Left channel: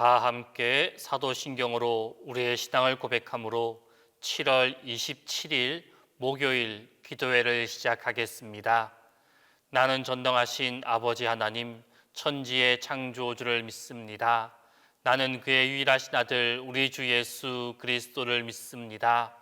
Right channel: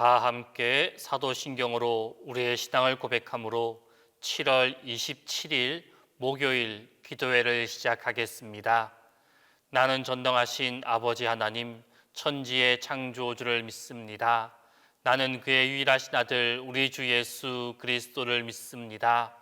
다 함께 사도신경으로 우리의 신앙을 고백함으로 7월 27일 목요일 기도회를 시작하겠습니다. 나는 전능하신 아버지 하나님, 천지의 창조주를 믿습니다. 나는 그의 유일하신 아들 우리 주 예수 그리스도를 믿습니다.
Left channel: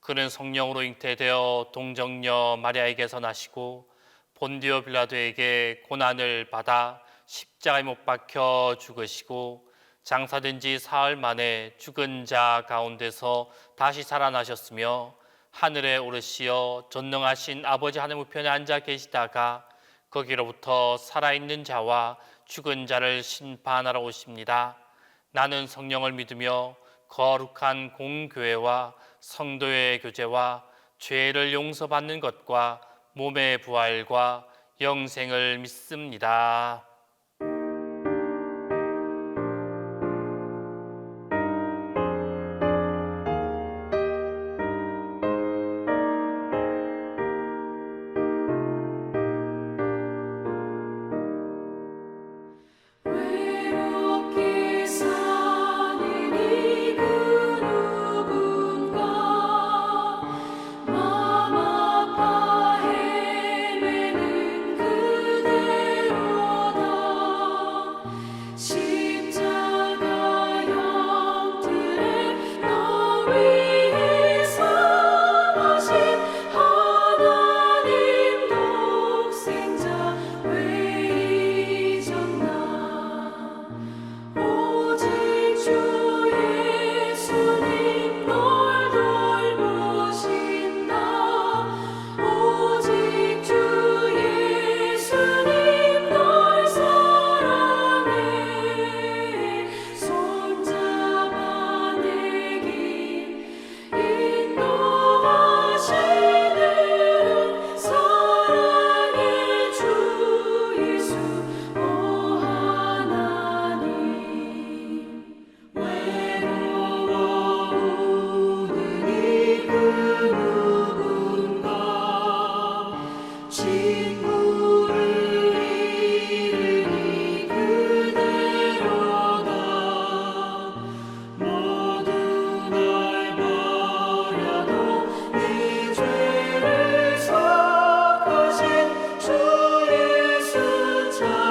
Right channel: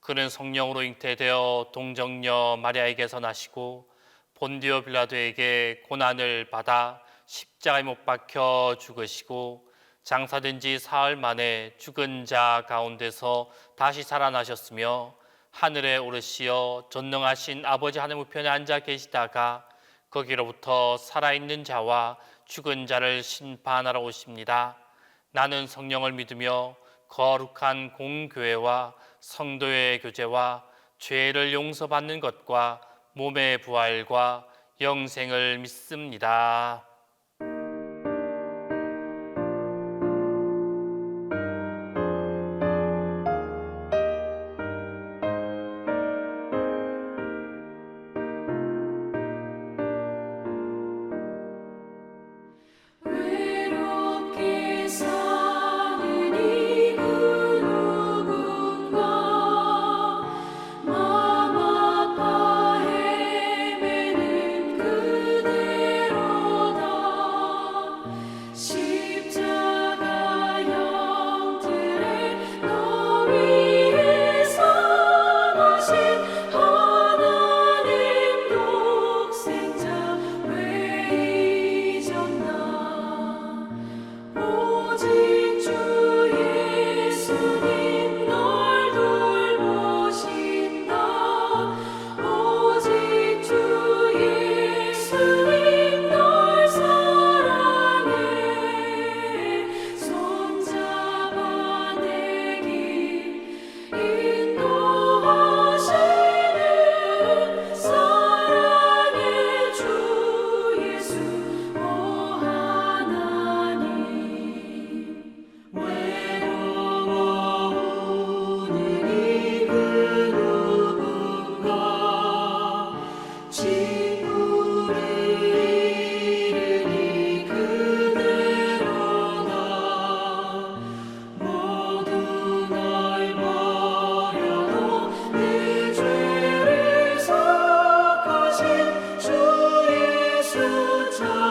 그는 성령으로 잉태되어 동정녀 마리아에게서 나시고 본디오 빌라도에게 고난을 받아 십자가에 못 박혀 죽으시고 장사된 지 사흘 만에 죽은 자 가운데서 다시 살아나셨으며 하늘에 오르시어 전능하신 아버지 하늘 우편에 앉아 계시다가 거기로부터 살아있는 자와 죽은 자를 심판하러 오십니다. 나는 성령을 믿으며 거룩한 공교회와 성도의 교제와 죄를 용서받는 것과 몸의 부활과 영생을 믿습니다. 주 예수 자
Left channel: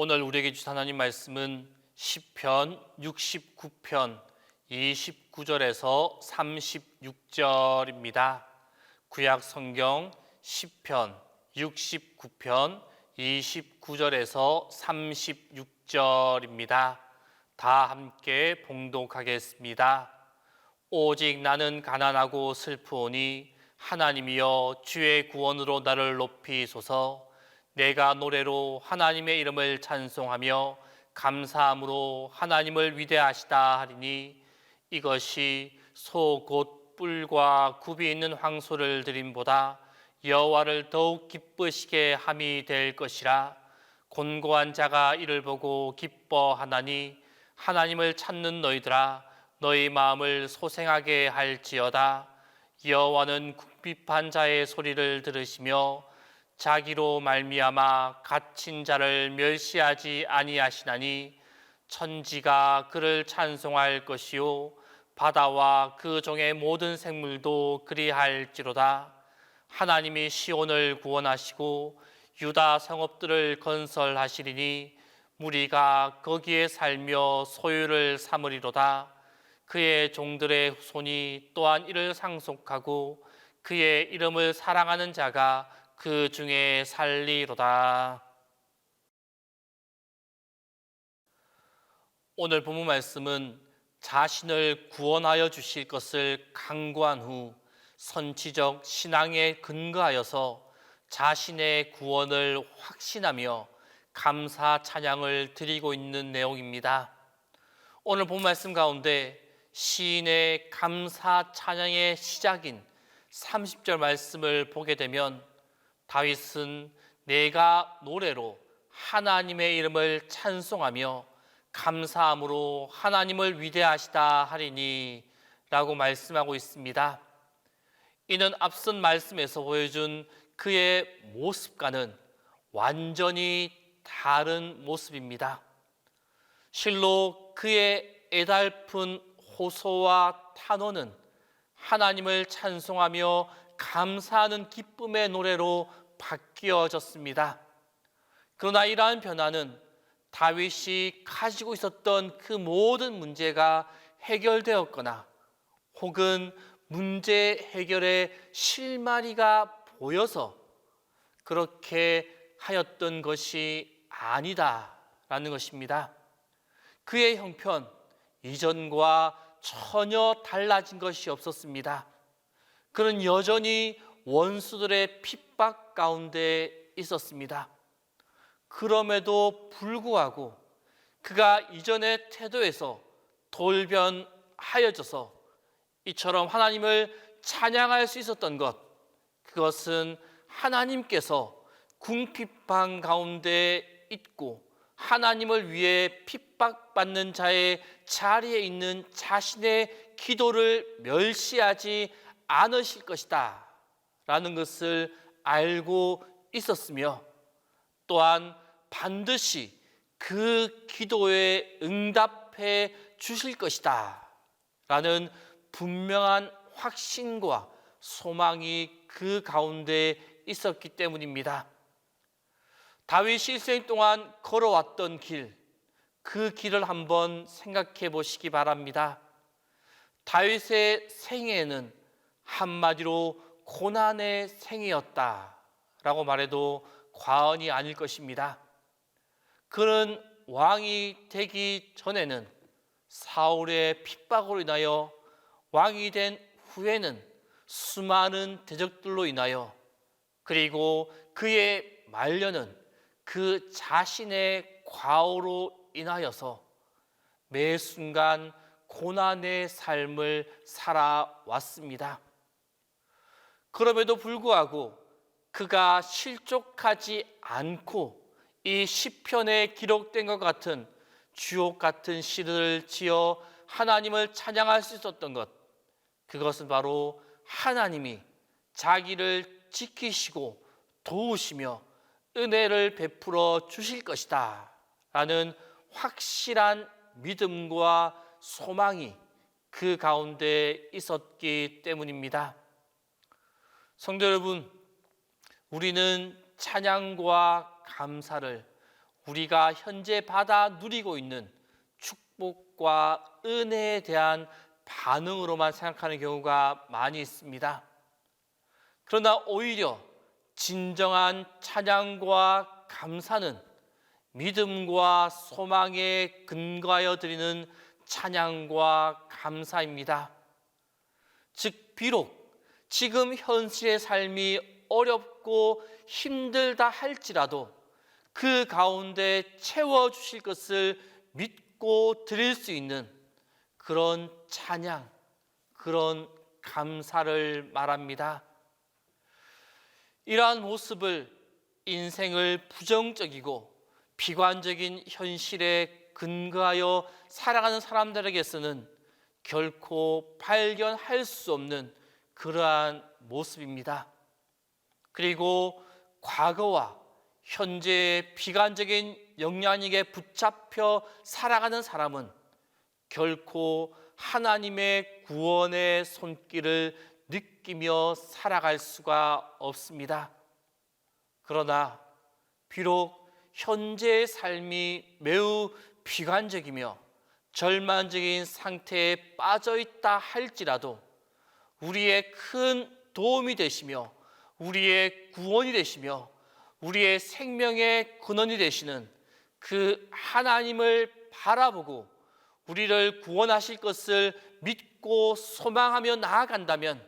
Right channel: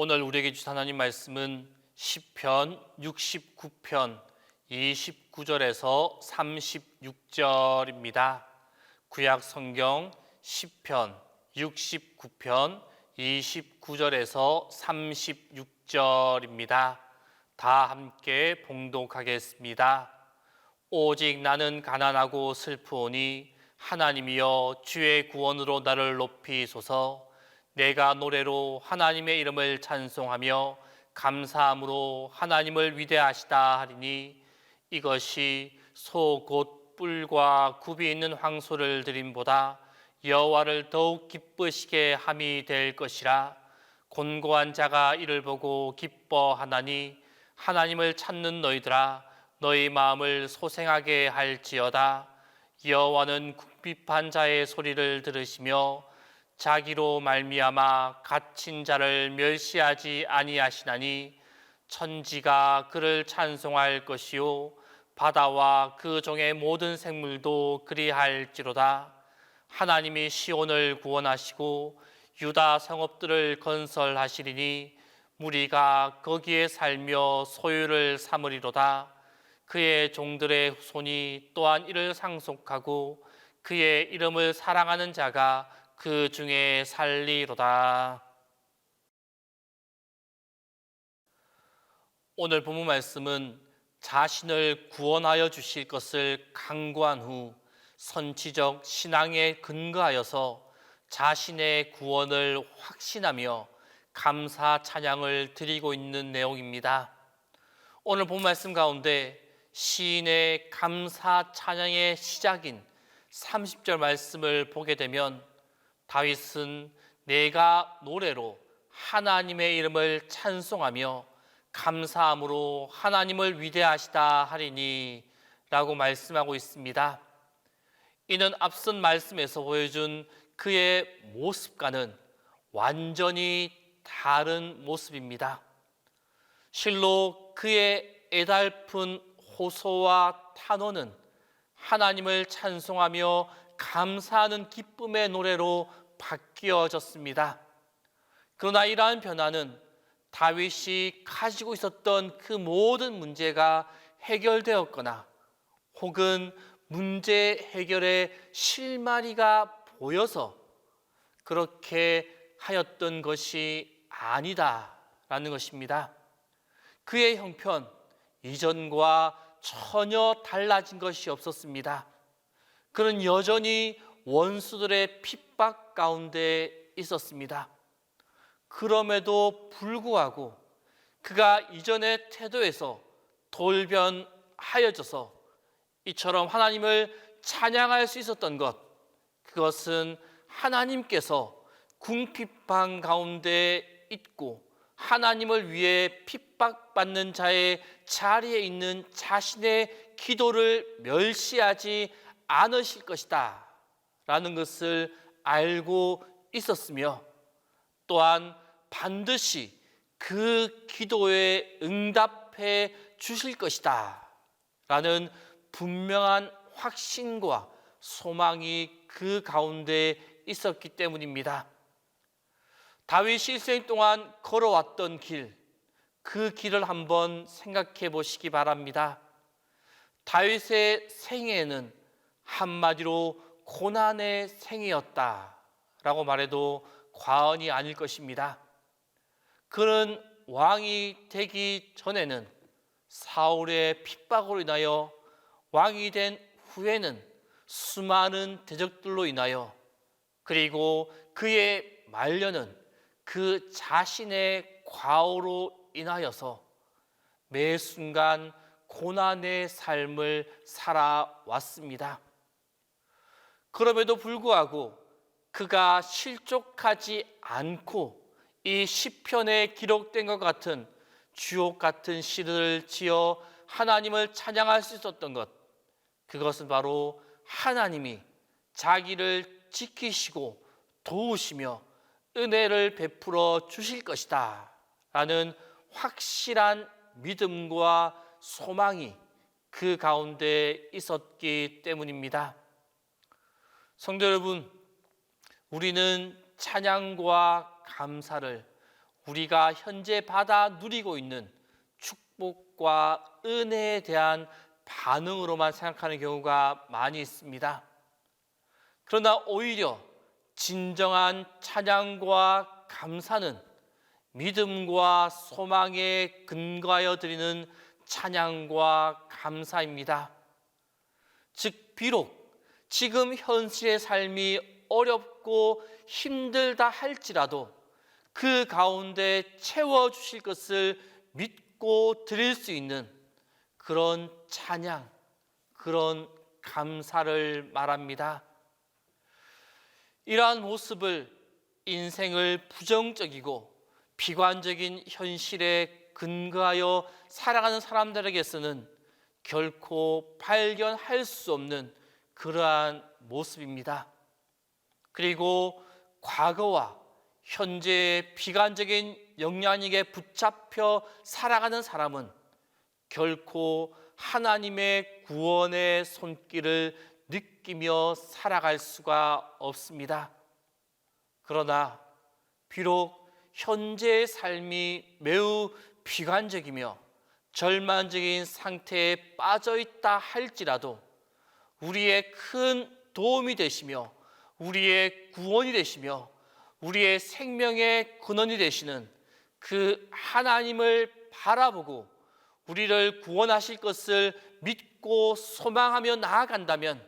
오늘 우리에게 주신 하나님 말씀은 시편 69편 29절에서 36절입니다. 구약 성경 시편 69편 29절에서 36절입니다. 다 함께 봉독하겠습니다. 오직 나는 가난하고 슬프오니 하나님이여 주의 구원으로 나를 높이소서. 내가 노래로 하나님의 이름을 찬송하며 감사함으로 하나님을 위대하시다 하리니 이것이 소 곧 뿔과 굽이 있는 황소를 드림보다 여호와를 더욱 기쁘시게 함이 될 것이라. 곤고한 자가 이를 보고 기뻐하나니 하나님을 찾는 너희들아 너희 마음을 소생하게 할지어다. 여호와는 궁핍한 자의 소리를 들으시며 자기로 말미암아 갇힌 자를 멸시하지 아니하시나니 천지가 그를 찬송할 것이요 바다와 그 종의 모든 생물도 그리할지로다. 하나님이 시온을 구원하시고 유다 성읍들을 건설하시리니 무리가 거기에 살며 소유를 삼으리로다. 그의 종들의 후손이 또한 이를 상속하고 그의 이름을 사랑하는 자가 그 중에 살리로다. 오늘 본문 말씀은 자신을 구원하여 주실 것을 강구한 후 선지적 신앙에 근거하여서 자신의 구원을 확신하며 감사 찬양을 드리고 있는 내용입니다. 오늘 본문 말씀 가운데 시인의 감사 찬양의 시작인 30절 말씀을 보게 되면 다윗은 내가 노래로 하나님의 이름을 찬송하며 감사함으로 하나님을 위대하시다 하리니 라고 말씀하고 있습니다. 이는 앞선 말씀에서 보여준 그의 모습과는 완전히 다른 모습입니다. 실로 그의 애달픈 호소와 탄원은 하나님을 찬송하며 감사하는 기쁨의 노래로 바뀌어졌습니다. 그러나 이러한 변화는 다윗이 가지고 있었던 그 모든 문제가 해결되었거나 혹은 문제 해결의 실마리가 보여서 그렇게 하였던 것이 아니다라는 것입니다. 그의 형편 이전과 전혀 달라진 것이 없었습니다. 그는 여전히 원수들의 핍박 가운데 있었습니다. 그럼에도 불구하고 그가 이전의 태도에서 돌변하여져서 이처럼 하나님을 찬양할 수 있었던 것, 그것은 하나님께서 궁핍한 가운데 있고 하나님을 위해 핍박받는 자의 자리에 있는 자신의 기도를 멸시하지 않으실 것이다 라는 것을 알고 있었으며 또한 반드시 그 기도에 응답해 주실 것이다 라는 분명한 확신과 소망이 그 가운데 있었기 때문입니다. 다윗이 일생 동안 걸어왔던 길, 그 길을 한번 생각해 보시기 바랍니다. 다윗의 생애는 한마디로 고난의 생애였다라고 말해도 과언이 아닐 것입니다. 그는 왕이 되기 전에는 사울의 핍박으로 인하여 왕이 된 후에는 수많은 대적들로 인하여 그리고 그의 말년은 그 자신의 과오로 인하여서 매 순간 고난의 삶을 살아왔습니다. 그럼에도 불구하고 그가 실족하지 않고 이 시편에 기록된 것 같은 주옥 같은 시를 지어 하나님을 찬양할 수 있었던 것, 그것은 바로 하나님이 자기를 지키시고 도우시며 은혜를 베풀어 주실 것이다 라는 확실한 믿음과 소망이 그 가운데 있었기 때문입니다. 성도 여러분, 우리는 찬양과 감사를 우리가 현재 받아 누리고 있는 축복과 은혜에 대한 반응으로만 생각하는 경우가 많이 있습니다. 그러나 오히려 진정한 찬양과 감사는 믿음과 소망에 근거하여 드리는 찬양과 감사입니다. 즉 비록 지금 현실의 삶이 어렵고 힘들다 할지라도 그 가운데 채워주실 것을 믿고 드릴 수 있는 그런 찬양, 그런 감사를 말합니다. 이러한 모습을 인생을 부정적이고 비관적인 현실에 근거하여 살아가는 사람들에게서는 결코 발견할 수 없는 그러한 모습입니다. 그리고 과거와 현재의 비관적인 영향력에 붙잡혀 살아가는 사람은 결코 하나님의 구원의 손길을 느끼며 살아갈 수가 없습니다. 그러나 비록 현재의 삶이 매우 비관적이며 절망적인 상태에 빠져 있다 할지라도 우리의 큰 도움이 되시며 우리의 구원이 되시며 우리의 생명의 근원이 되시는 그 하나님을 바라보고 우리를 구원하실 것을 믿고 소망하며 나아간다면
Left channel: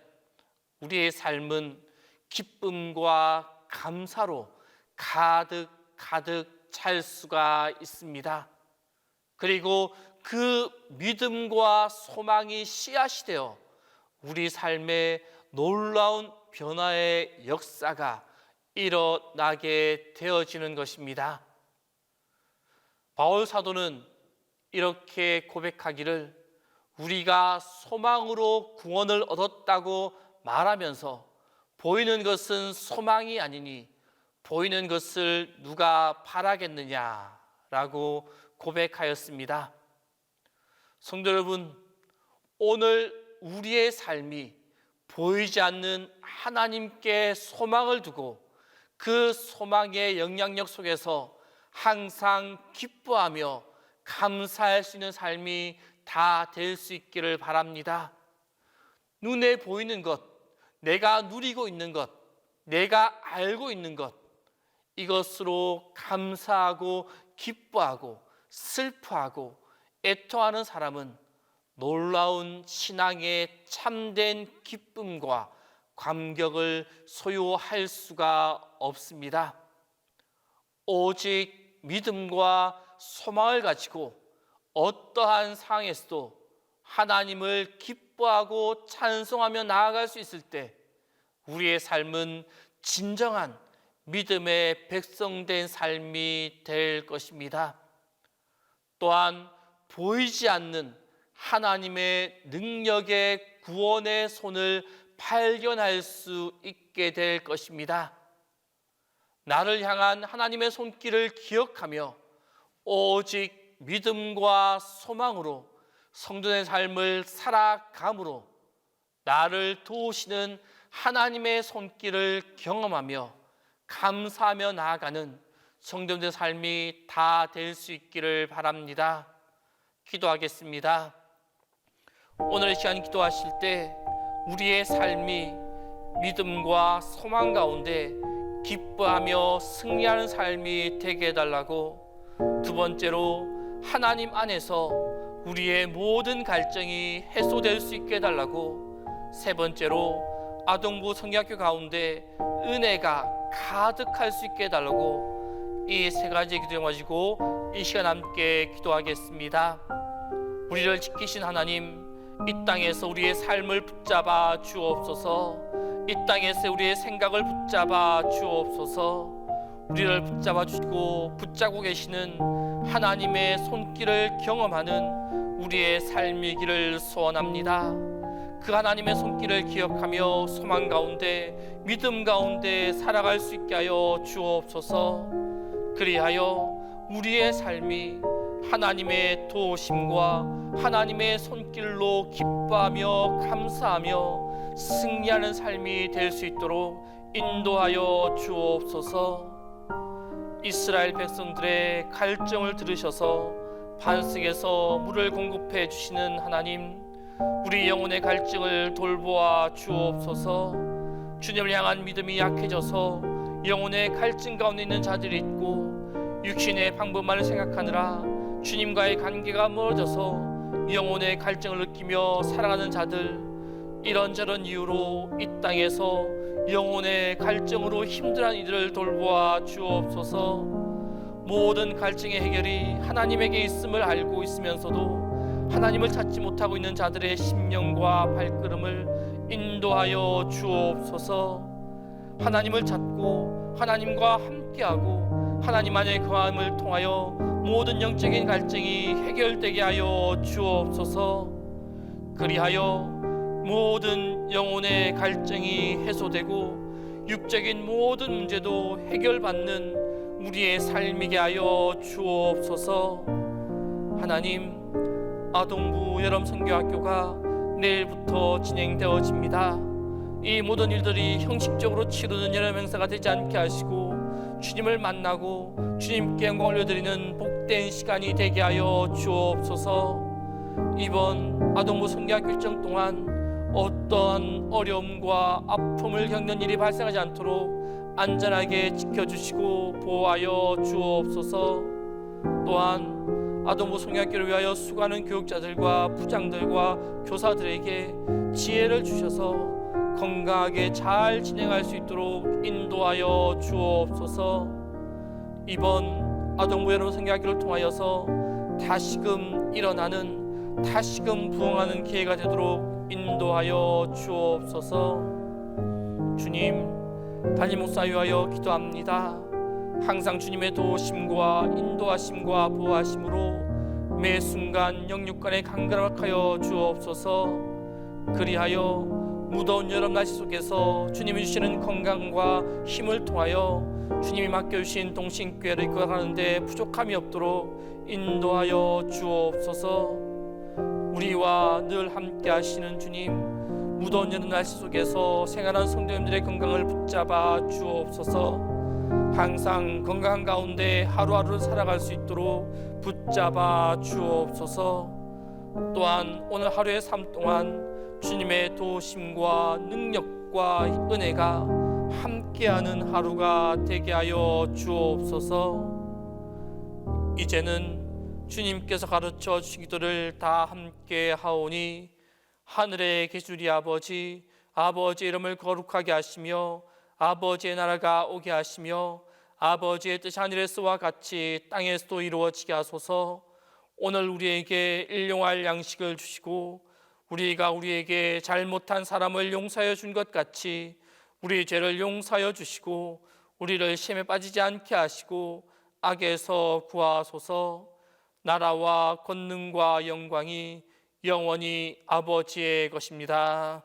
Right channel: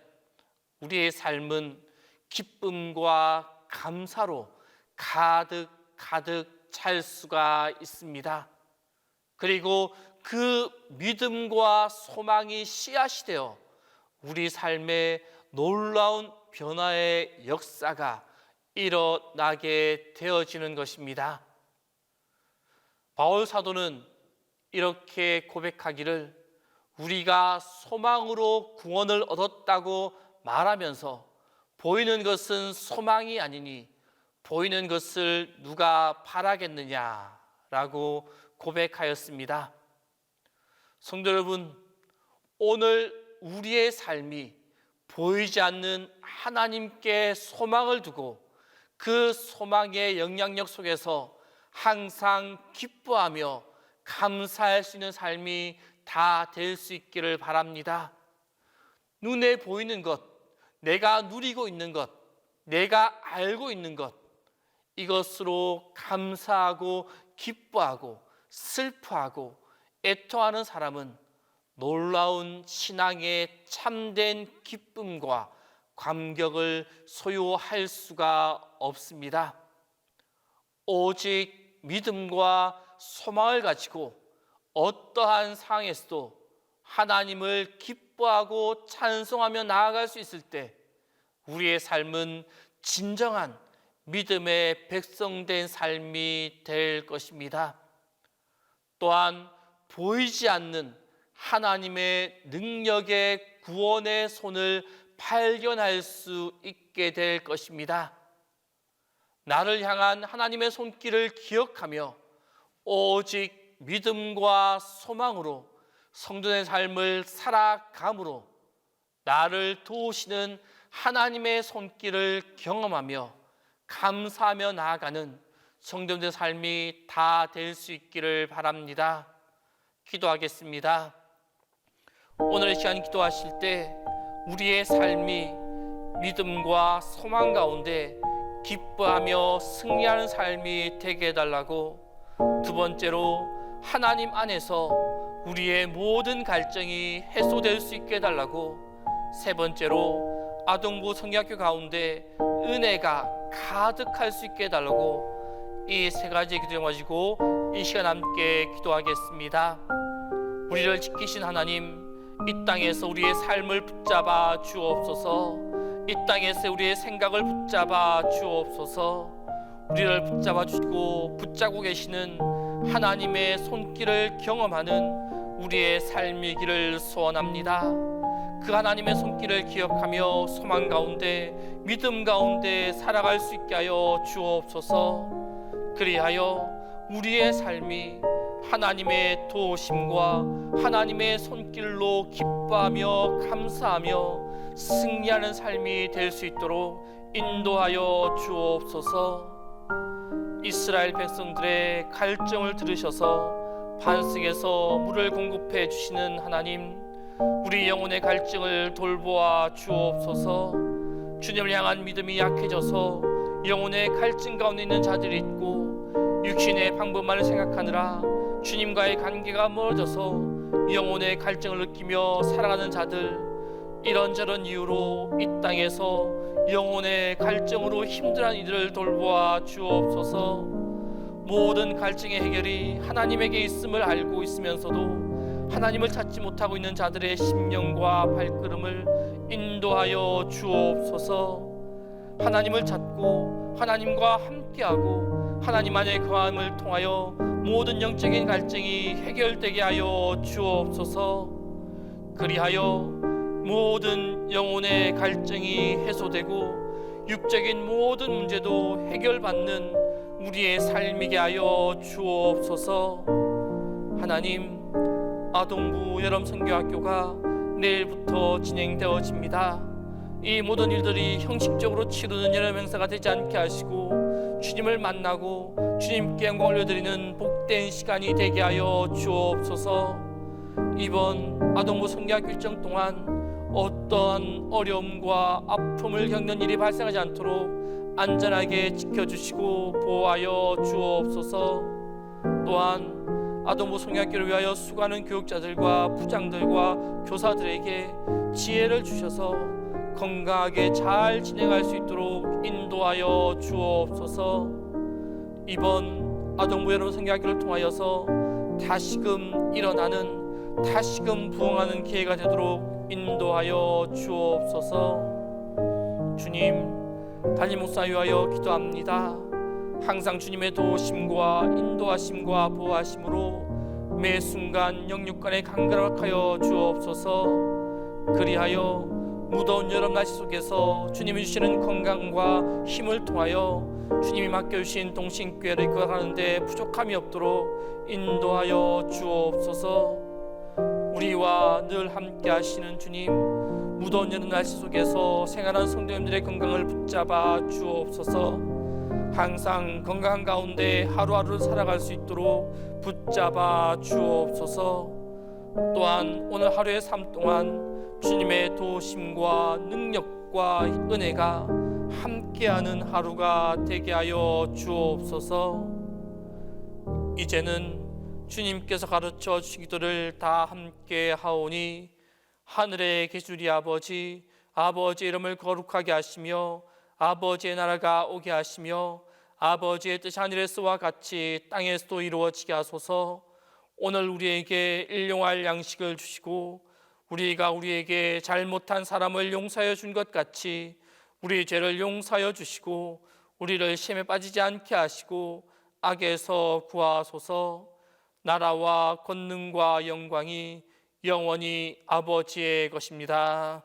우리의 삶은 기쁨과 감사로 가득 찰 수가 있습니다. 그리고 그 믿음과 소망이 씨앗이 되어 우리 삶에 놀라운 변화의 역사가 일어나게 되어지는 것입니다. 바울 사도는 이렇게 고백하기를 우리가 소망으로 구원을 얻었다고 말하면서 보이는 것은 소망이 아니니 보이는 것을 누가 바라겠느냐라고 고백하였습니다. 성도 여러분, 오늘 우리의 삶이 보이지 않는 하나님께 소망을 두고 그 소망의 영향력 속에서 항상 기뻐하며 감사할 수 있는 삶이 다 될 수 있기를 바랍니다. 눈에 보이는 것, 내가 누리고 있는 것, 내가 알고 있는 것, 이것으로 감사하고 기뻐하고 슬퍼하고 애통하는 사람은 놀라운 신앙의 참된 기쁨과 감격을 소유할 수가 없습니다. 오직 믿음과 소망을 가지고 어떠한 상황에서도 하나님을 기뻐하고 찬송하며 나아갈 수 있을 때 우리의 삶은 진정한 믿음의 백성된 삶이 될 것입니다. 또한 보이지 않는 하나님의 능력의 구원의 손을 발견할 수 있게 될 것입니다. 나를 향한 하나님의 손길을 기억하며 오직 믿음과 소망으로 성도의 삶을 살아감으로 나를 도우시는 하나님의 손길을 경험하며 감사하며 나아가는 성도들의 삶이 다 될 수 있기를 바랍니다. 기도하겠습니다. 오늘 시간 기도하실 때 우리의 삶이 믿음과 소망 가운데 기뻐하며 승리하는 삶이 되게 해달라고, 두 번째로 하나님 안에서 우리의 모든 갈증이 해소될 수 있게 해달라고, 세 번째로 아동부 성경학교 가운데 은혜가 가득할 수 있게 해달라고, 이 세 가지 기도 가지고 이 시간 함께 기도하겠습니다. 우리를 지키신 하나님, 이 땅에서 우리의 삶을 붙잡아 주옵소서. 이 땅에서 우리의 생각을 붙잡아 주옵소서. 우리를 붙잡아 주시고 붙잡고 계시는 하나님의 손길을 경험하는 우리의 삶이기를 소원합니다. 그 하나님의 손길을 기억하며 소망 가운데 믿음 가운데 살아갈 수 있게 하여 주옵소서. 그리하여 우리의 삶이 하나님의 도우심과 하나님의 손길로 기뻐하며 감사하며 승리하는 삶이 될 수 있도록 인도하여 주옵소서. 이스라엘 백성들의 갈증을 들으셔서 반석에서 물을 공급해 주시는 하나님, 우리 영혼의 갈증을 돌보아 주옵소서. 주님을 향한 믿음이 약해져서 영혼의 갈증 가운데 있는 자들이 있고, 육신의 방법만을 생각하느라 주님과의 관계가 멀어져서 영혼의 갈증을 느끼며 살아가는 자들, 이런저런 이유로 이 땅에서 영혼의 갈증으로 힘들어하는 이들을 돌보아 주옵소서. 모든 갈증의 해결이 하나님에게 있음을 알고 있으면서도 하나님을 찾지 못하고 있는 자들의 심령과 발걸음을 인도하여 주옵소서. 하나님을 찾고 하나님과 함께하고 하나님 안에 거함을 통하여 모든 영적인 갈증이 해결되게 하여 주옵소서. 그리하여 모든 영혼의 갈증이 해소되고 육적인 모든 문제도 해결받는 우리의 삶이게 하여 주옵소서. 하나님, 아동부 여름선교학교가 내일부터 진행되어집니다. 이 모든 일들이 형식적으로 치르는 여름 행사가 되지 않게 하시고 주님을 만나고 주님께 영광을 올려드리는 복된 시간이 되게 하여 주옵소서. 이번 아동부 선교학교 일정 동안 어떠한 어려움과 아픔을 겪는 일이 발생하지 않도록 안전하게 지켜주시고 보호하여 주옵소서. 또한 아동부 선교학교를 위하여 수고하는 교육자들과 부장들과 교사들에게 지혜를 주셔서 건강하게 잘 진행할 수 있도록 인도하여 주옵소서. 이번 아동부 여러분 선교학교를 통하여서 다시금 일어나는, 다시금 부흥하는 기회가 되도록 인도하여 주옵소서. 주님, 담임 목사 위하여 기도합니다. 항상 주님의 도우심과 인도하심과 보호하심으로 매 순간 영육간에 강건하여 주옵소서. 그리하여 무더운 여름 날씨 속에서 주님이 주시는 건강과 힘을 통하여 주님이 맡겨주신 동신교회를 이끌어가는데 부족함이 없도록 인도하여 주옵소서. 우리와 늘 함께 하시는 주님, 무더운 여름 날씨 속에서 생활하는 성도님들의 건강을 붙잡아 주옵소서. 항상 건강한 가운데 하루하루를 살아갈 수 있도록 붙잡아 주옵소서. 또한 오늘 하루의 삶 동안 주님의 도우심과 능력과 은혜가 함께하는 하루가 되게 하여 주옵소서. 이제는 주님께서 가르쳐 주시기를 다 함께 하오니 하늘에 계시리 아버지, 아버지의 이름을 거룩하게 하시며 아버지의 나라가 오게 하시며 아버지의 뜻이 하늘에서와 같이 땅에서도 이루어지게 하소서. 오늘 우리에게 일용할 양식을 주시고 우리가 우리에게 잘못한 사람을 용서하여 준 것 같이 우리 죄를 용서하여 주시고 우리를 시험에 빠지지 않게 하시고 악에서 구하소서. 나라와 권능과 영광이 영원히 아버지의 것입니다.